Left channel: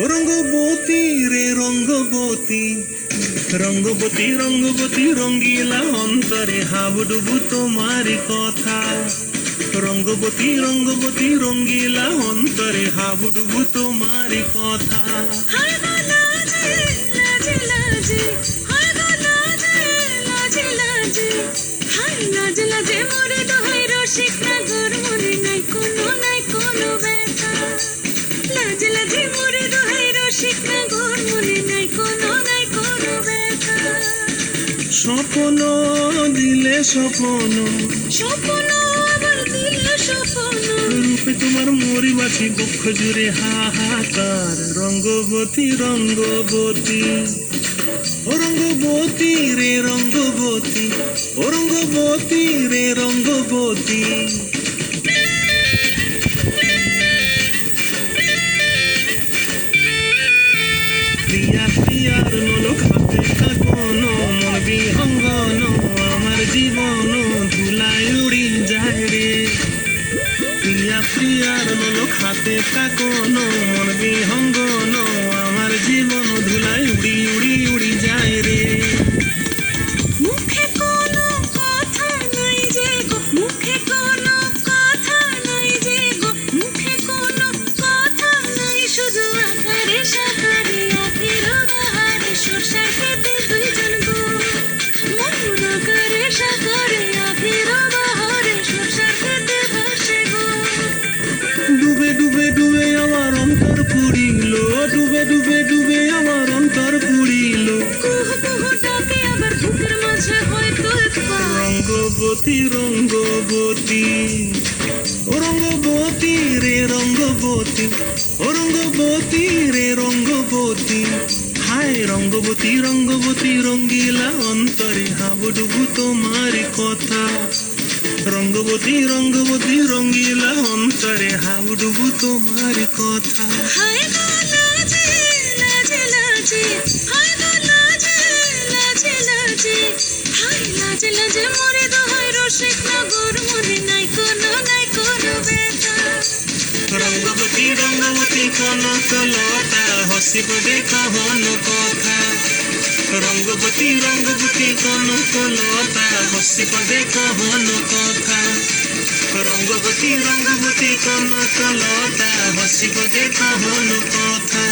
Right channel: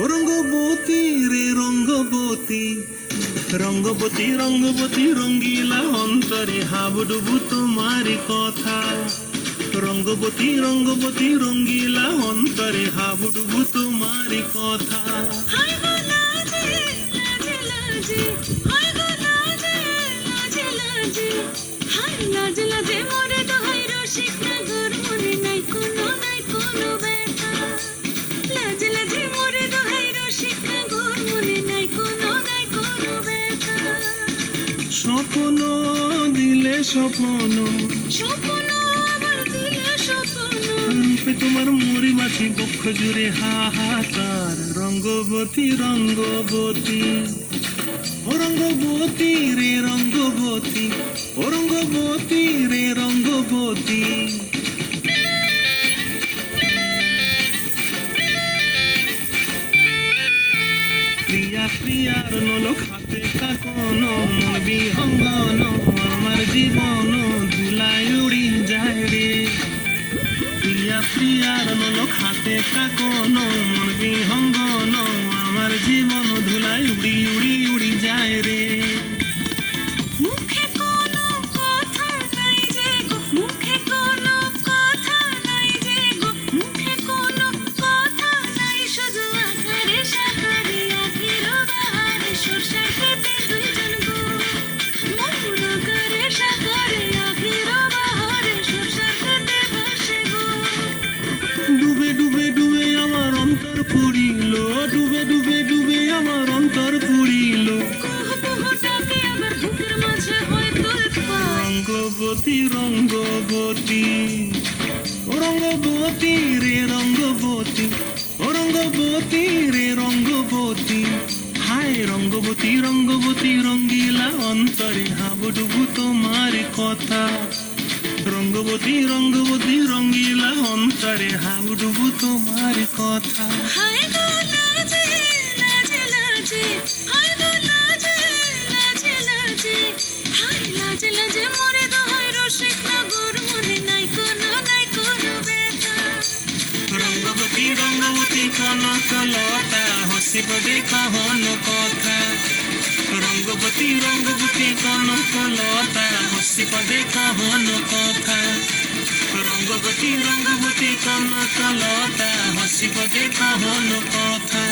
ও রঙ্গবতী রে রঙ্গবতী, রঙ্গবতী রঙ্গবতী রঙ্গিলা অন্তরে হাবুডুবু তোমারি কথা। রঙ্গবতী রঙ্গবতী রঙ্গিলা অন্তরে হাবুডুবু তোমারি কথা। স্বপ্ন দিলে স্বপ্ন, রূপে তোমার মরি বাছি বক্ষ জুড়ে হাহাকার। রঙ্গবতী রঙ্গবতী, ও রঙ্গবতী রে রঙ্গবতী, ও রঙ্গবতী রে রঙ্গবতী। প্রিয়া প্রিয়ার নলক হাতে থাকন, মবি অঙ্গন আমার জীবন ধুলায় উড়ি যায় রে। প্রিয়া প্রিয়ার নলক হাতে থাকন, মবি অঙ্গন আমার জীবন ধুলায় উড়ি উড়ি উড়ি যায় রে। মুখে কোনো কথা নাই যে গো, মুখে কোনো কথা নাই যে গো, মুখে কোনো কথা নাই, শুধু আকারে সাকারে আখের বাহারে সরষার খেতে দুইজন গো। ময়ূর আকারে সাকারে আখের বাহারে সরষার খেতে ভাসে গো। ডুবে ডুবে ডুবে আমার অন্তর পুরিল, ডুবে ডুবে ডুবে আমার অন্তর পুরিল। কুহু কুহু ডাকে আবার বুকের মাঝে হয় তোলপাড়। রঙ্গবতী রঙ্গবতী, ও রঙ্গবতী রে রঙ্গবতী, ও রঙ্গবতী রে রঙ্গবতী। হায় রঙ্গবতী রঙ্গবতী রঙ্গিলা অন্তরে হাবুডুবু তোমার কথা। রঙ্গবতী রঙ্গবতী রঙ্গিলা অন্তরে হাবুডুবু তোমার কথা। হায় গো লাজে লাজে লাজে, হায় গো লাজে লাজে লাজে, হায় লাজে লাজে মরে দোহাই রসিক নগর, মনে নাই কোনো ব্যথা। রঙ্গবতী রঙ্গবতী কনকলতা হসিব দেখা হন কথা। রঙ্গবতী রঙ্গবতী কনকলতা হসিব দেখা হন কথা। রঙ্গবতী রঙ্গবতী কনকলতা হসিব দেখা হন কথা।